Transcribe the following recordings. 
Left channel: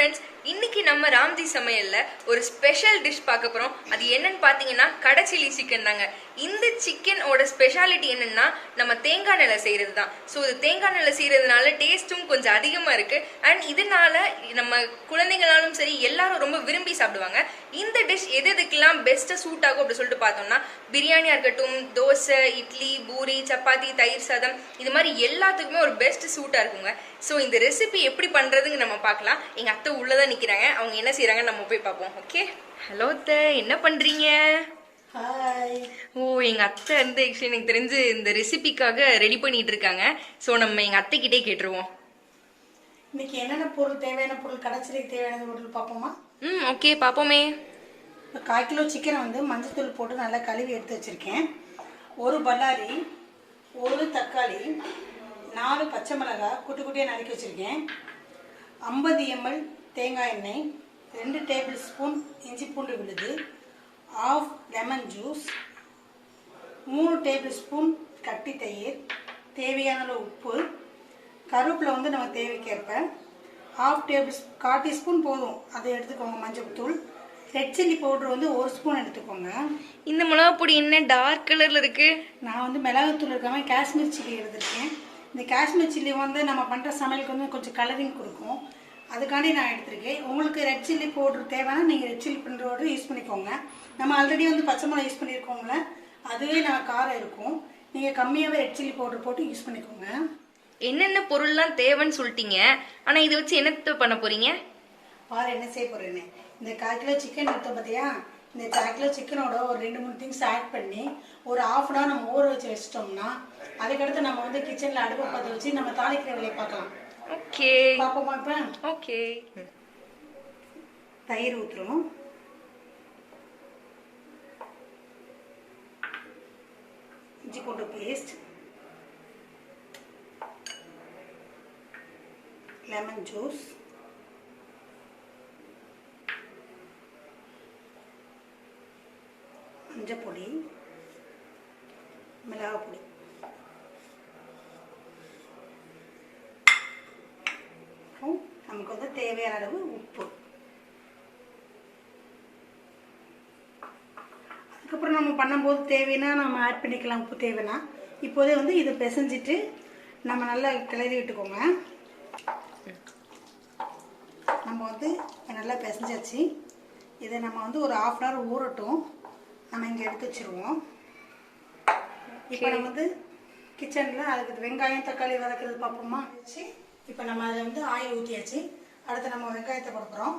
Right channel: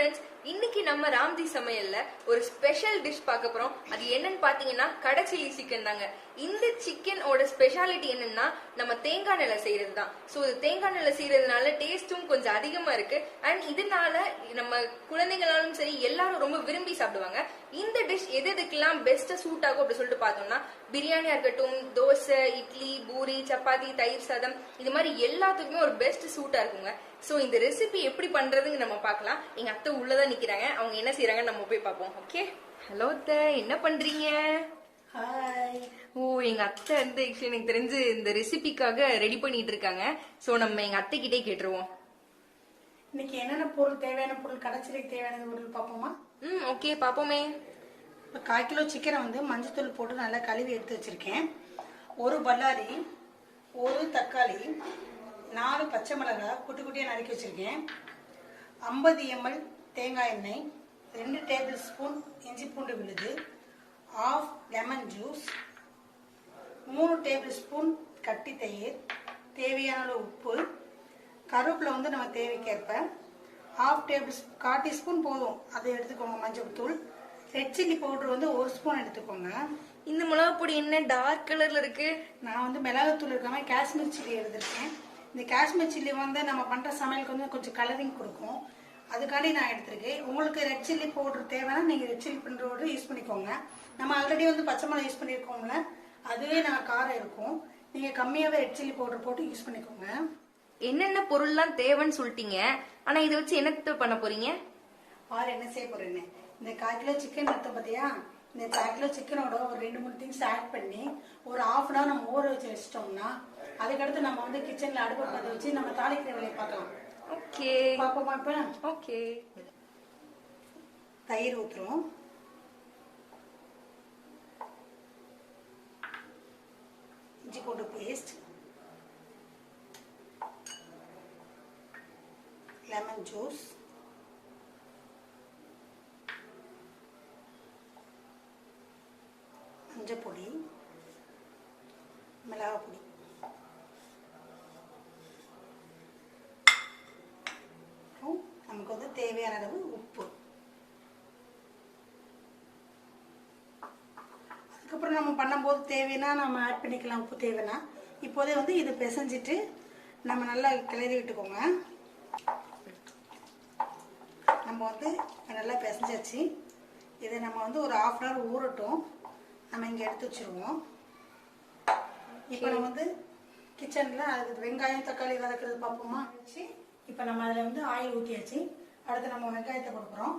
Friends, இன்னைக்கு நம்ம ராம்ஜி சமையல்ல ஒரு ஸ்பெஷல் டிஷ் பார்க்க போறோம். அது என்னன்னு பாத்தீங்கன்னா கடை சில்லி சிக்கன் தாங்க. இந்த சிக்கனோட ஸ்பெஷாலிட்டி என்னன்னா நம்ம தேங்காய் எண்ணெயில செய்யறது தான். ஸோ இது தேங்காய் எண்ணெயில செய்யறதுனால டேஸ்ட்டும் கொஞ்சம் அதிகமா இருக்கு. அண்ட் இதனால நம்ம குழந்தைங்களாலும் சரி எல்லாரும் ரொம்ப விரும்பி சாப்பிடுவாங்க. இந்த டிஷ் எதுக்கெல்லாம் பெஸ்ட்டா சூட் ஆகும் அப்படின்னு சொல்லிட்டு பார்த்தோம்னா, பிரியாணியா இருக்கட்டும், தோசை, இட்லி, பூரி, சப்பாத்தி, தயிர் சாதம், இது மாதிரி எல்லாத்துக்குமே ஒரு பெஸ்ட் சூட்டா இருக்குங்க. ஸோ இந்த ரெசிபி எப்படி பண்றதுன்னு நம்ம பார்க்கலாம். எங்க அத்தை உள்ளதான் நிக்கிறாங்க. அவங்க என்ன செய்யறாங்கன்னு நம்ம போய் பார்ப்போம். ஓகே, ஹலோ அத்தை, என்ன பண்றீங்க? ஹாய். ஓ, எங்க அத்தை வந்து ஆக்சுவலி எனக்கு தெரிஞ்சு இந்த ரெசிபிக்காக ரெடி பண்ணிட்டு இருக்காங்க. ஸோ நம்ம எங்க அத்தை கிட்டே கேட்டுருவோம். இன்னைக்கு என்னென்ன பொருள் தேவையான பொருள், கடைச்சிலைக்கு தேவையான பொருள் பார்ப்போமா? ஓகே, பார்ப்போமே. இப்போ 1/4 கிலோ சிக்கனை வந்து மஞ்சத்தூள் போட்டு நல்லா கழுவி எடுத்து வச்சிருக்கேன். ஒரு பல்லாரி, ஒரு தக்காளி, 4 பச்சை மிளகாய் குட்டி குட்டியாக நறுக்கி வச்சிருக்கேன். 50 ml தேங்காய் எண்ணெய், 2 டேபிள் ஸ்பூன் இஞ்சி பூண்டு விழுது, 1/2 லெமன் ஜூஸ், 3 டேபிள் ஸ்பூன் கட்டி தயிர், தேவையான உப்பு, கருவேப்பிலை வந்து நம்ம தேவைக்கேற்ப, 1/2 டீஸ்பூன் போதும், அதை எடுத்துக்கோங்க. மஞ்சள் தூள், ரெட் சில்லி பவுடர் வந்து 1 ஸ்பூன் எடுத்துக்கோங்க. இந்த மிளகா பொடி என்ன டார்க் கலர்ல இருக்கு? நான் வந்து மிளகாத்தூள் இருக்காம காஷ்மீர் சில்லி எடுத்திருக்கேன். இந்த காஷ்மீர் சில்லி வந்து நம்ம பண்ணுற சமையலுக்கு வந்து கொஞ்சம் கலரிங் கொடுக்கும், அதுக்காண்டி நான் எடுத்திருக்கேன். உங்களுக்கு ரெட் சில்லி பவுடர் தேவைன்னா நீங்கள் ரெட் சில்லி பவுடர் யூஸ் பண்ணிக்கோங்க. நம்ம ஆல்ரெடி வந்து பச்சை மிளகா யூஸ் பண்ணியிருக்கோம்ல, அதுவே நம்ம காரம் இருக்கும். நீங்கள் கம்மியாகவே ரெட் சில்லி பவுடர் போட்டு யூஸ் பண்ணிக்கோங்க. என்னென்ன பொருள்லாம் தேவைன்னு சொல்லிட்டீங்க, ஆனால் இதை வச்சு என்ன பண்ண போறீங்க? பாரு என்ன செய்ய போறேன்னு. இந்த 1/4 கிலோ சிக்கன் எடுத்தோம் பார்த்தியா, இந்த 1/4 கிலோ சிக்கனோட ஒரு 2-3 திங்ஸ் ஆட் பண்ணி ஒரு 1/2 hour நம்ம ஊற வச்சு வச்சிட்டோம்னா, அதுக்கடுத்து நம்ம வந்து கிச்சனில் அடுப்பை பற்ற வச்சு நம்ம தாளிக்கிற வேலையை பார்க்கலாம். ஓகே, பார்ப்போமா? இப்போ ஓகே. தயிர் ஊற்றுறோம், இஞ்சி பூண்டு பேஸ்ட், லெமன் ஜூஸ், மஞ்சள் பொடி, மிளகாய் பொடி, நமக்கு வந்து தேவையான அளவு உப்பு. அதுக்கப்புறம் நம்ம பண்ணும்போது தேவைன்னா நம்ம ஆட் பண்ணிக்கலாம், உப்பு தேவைன்னா. இப்போதே வந்து இதை பிசைஞ்சிட்டு நம்ம நல்லா கிளறி விட்டுக்கோங்க. நம்ம வந்து நல்லா பிசைஞ்சாச்சு. இதை நம்ம வந்து ஒரு 1/2 hour ஊறட்டும். நம்ம இங்கே எடுத்து வச்சிருவோம். இப்போ நம்ம வந்து கிச்சனில் அதுக்கு வெங்காயம் தக்காளி வதக்கிறது பார்ப்போமா? வச்சு இப்போ நம்ம அதில் வந்து ஆயில் ஊற்றியாச்சு. அடுத்து நம்ம வெங்காயத்தை கொடுக்குறோம்.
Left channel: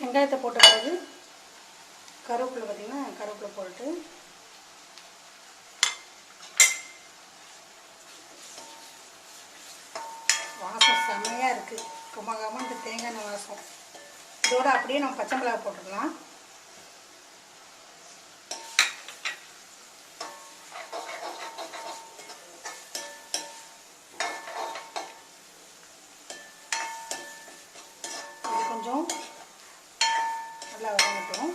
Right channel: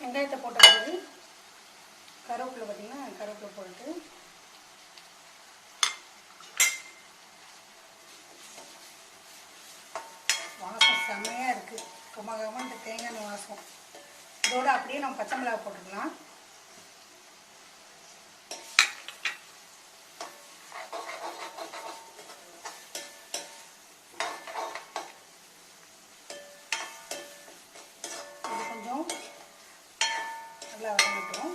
வெங்காயத்தை போட்ட பிறகு கருவேப்பிலை, பார்த்தீங்கன்னா கருவேப்பிலை போட்டு வாசம் செம்மையாக இருக்குது. குமகாமல் இந்த தேங்காய் எண்ணெய் வாசம். இதோட அப்படியே நம்ம பச்சை மிளகாய் போட்டுக்கலாம். இது கொஞ்சம் நல்லா வதங்கட்டும்.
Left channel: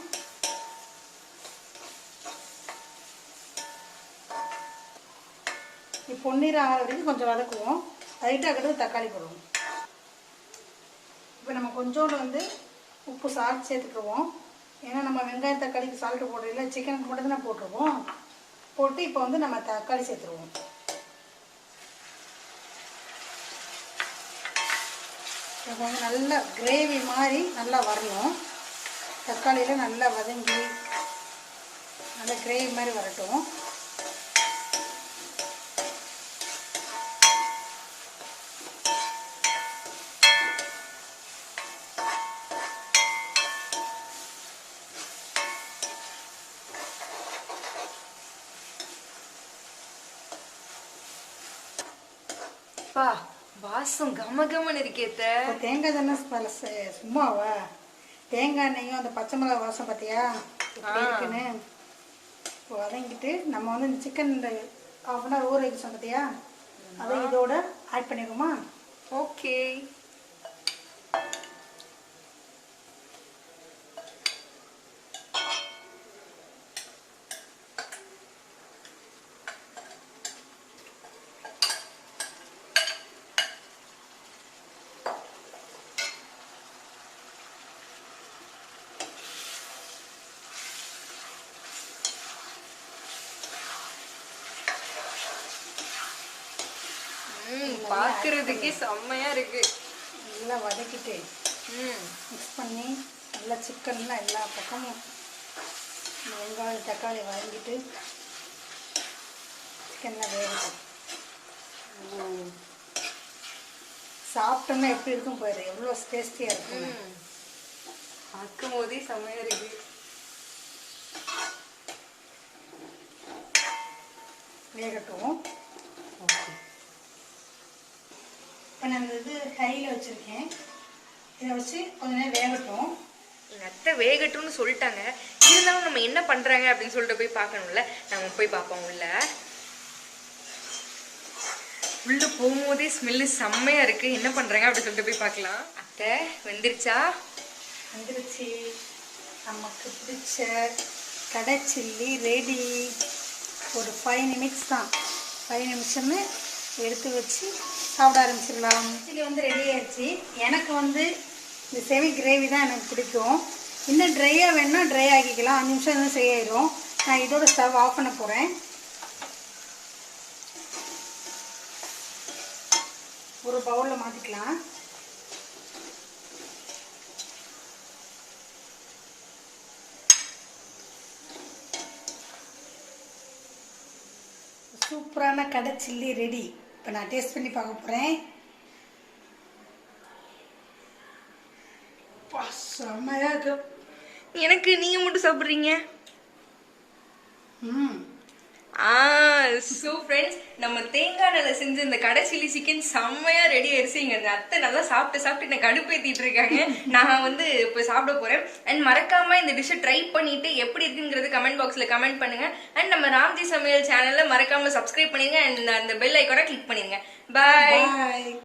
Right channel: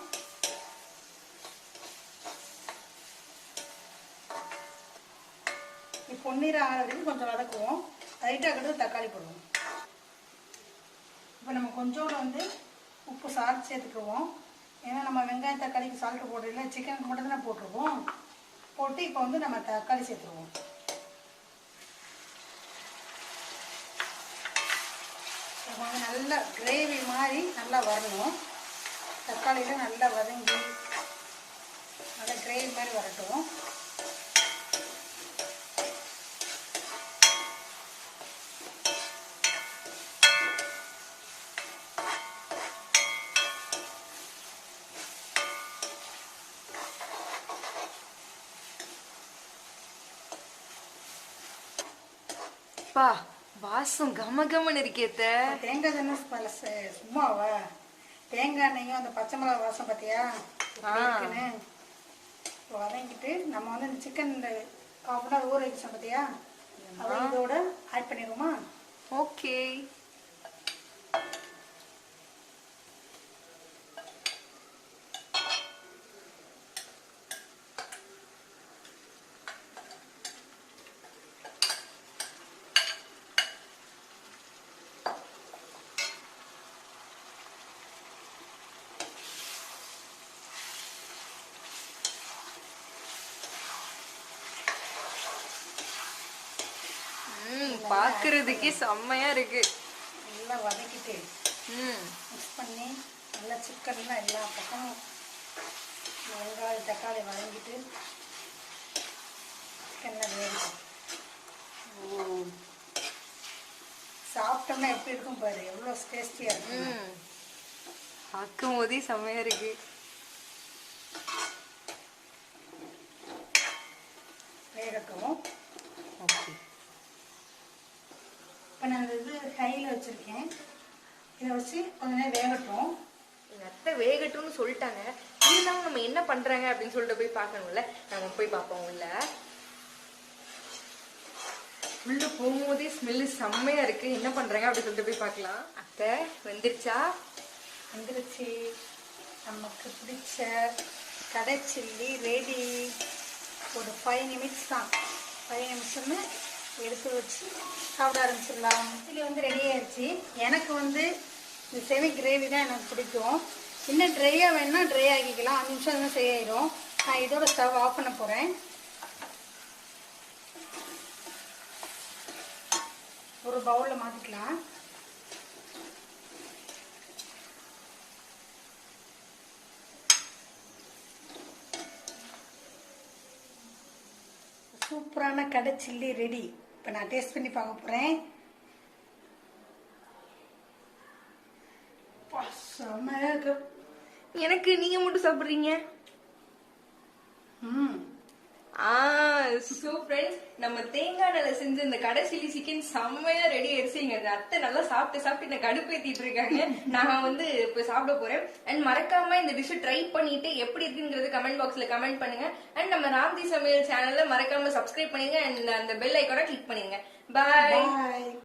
பொன்னிறம் ஆகிற வரைக்கும் கொஞ்சம் வதக்குவோம். லைட்டாக தக்காளி போடுவோம். இப்போ நம்ம கொஞ்சோண்டு வந்து உப்பு சால்ட் சேர்த்துக்குவோம். ஏன்னா நம்ம வெங்காயம் தக்காளிக்கு சால்ட்டு போடுறதில்ல, சிக்கனுக்கு மட்டும் தான் போட்டுருவோம். போட்டு இப்போ வந்து நம்ம தக்காளி சேர்த்துருவோம். இப்போ வந்து நல்லா கிரேவி மாதிரி நல்லா வரணும். தக்காளியில் நல்லா வதங்கி நல்லா கிரேவி மாதிரி வரட்டும். பா, வாசம் கமகமன்னு இருக்கேத்த. தேங்காய் தானே சும்மாவா? தேங்காய் எண்ணெயும் அந்த பச்சை மிளகாய் வாசம் பார்த்தியா இருக்குன்னு. இப்போ வதங்கிட்டு நம்ம வந்து இந்த சிக்கன் 1/2 hour ஊற வச்சோம் பார்த்தியா, அதை இதோட ஆட் பண்ணிடுவோமா? ஓகே. பாக்குறதுக்கு செம்மையா இருக்கு. நல்லா வதக்கிட்டு மிக்ஸ் பண்ணி நல்லா சிக்கன்லாம் எல்லா பக்கமும் வெங்காயம் தக்காளி வதங்கிட்டு சிக்கன்லாம் வேகட்டும். சாப்பிட்டோம்னா எப்படி இருக்கும் பாரு, எவ்வளோ டேஸ்டியாக இருக்கும். பார்க்கும் போதே செம்மையா இருக்கு. வேகட்டும். ஓகே, இப்போ நான் இது ஹையில் வச்சுருக்கேன். இதை வச்சு கொஞ்ச நேரம் வேகட்டும். எங்க அத்தை வேகட்டும்னு சொல்லிட்டாங்க. இருந்தாலும் நம்ம என்ன பண்றாங்க அப்படின்னு சொல்லிட்டு போய் பார்க்கணும்ல. நம்ம போய் பார்ப்போம். உள்ள போகும்போதே ஸ்மெல்லு செம்மையா இருக்கு. என்ன பண்றாங்க அப்படின்னு சொல்லிட்டு போய் பார்க்கலாம். அத்தை வெந்துருச்சா? வந்துருச்சு. நமக்கு பிடிச்ச கடை சில்லி ரெடி. ஒரு 5 நிமிட்ஸ் தான். 5 நிமிஷம்னு எடுத்து வச்சு சாப்பிட ஆரம்பிச்சிடலாம். சில்லி வந்து ரெடி ஆயிடுச்சு. எனக்கு வந்து இந்த செமி கிரேவி தான் எனக்கு பிடிக்கும். இன்னும் ட்ரையாக வேணுன்னா ட்ரை ஆக்கிக்கலாம். 5 நிமிஷம் தான் சரியாயிடும். நான் இதோட ஸ்டவ் ஆஃப் பண்ண போகிறேன். ஒரு பவுலில் மாற்றிக்கலாம். சூப்பரான கடை சில்லி ரெடி. இப்போ நான் டேஸ்ட் பண்ணி பார்க்க போகிறேன். செம்மையா இருக்கு. எனக்கு நீங்க மட்டும் சாப்பிடுறீங்க. ஸோ ஃப்ரெண்ட்ஸ், நம்ம தேங்காய் நெல்லை செஞ்ச இந்த கடை சில்லி சிக்கன் செம்மையா ரெடி ஆயிடுச்சு. எங்க அத்தை நல்லா சாப்பிட்டு என்ன கடுப்பேத்திட்டு இருக்காங்க. நான் வந்து இப்போ சாப்பிட போறேன். அண்ட் மறக்காம இந்த டிஷ்ஷை ட்ரை பண்ணிட்டு எப்படி இருக்குங்கிறது கமெண்ட் பாக்ஸ்ல கமெண்ட் பண்ணுங்க. அண்ட் நம்ம ராம்ஜி சமையல் சேனல்ல மறக்காம சப்ஸ்கிரைப் பண்ணிருங்க. அண்ட் அந்த பெல் ஐக்கானை கிளிக் பண்ணிருங்க. பாய்.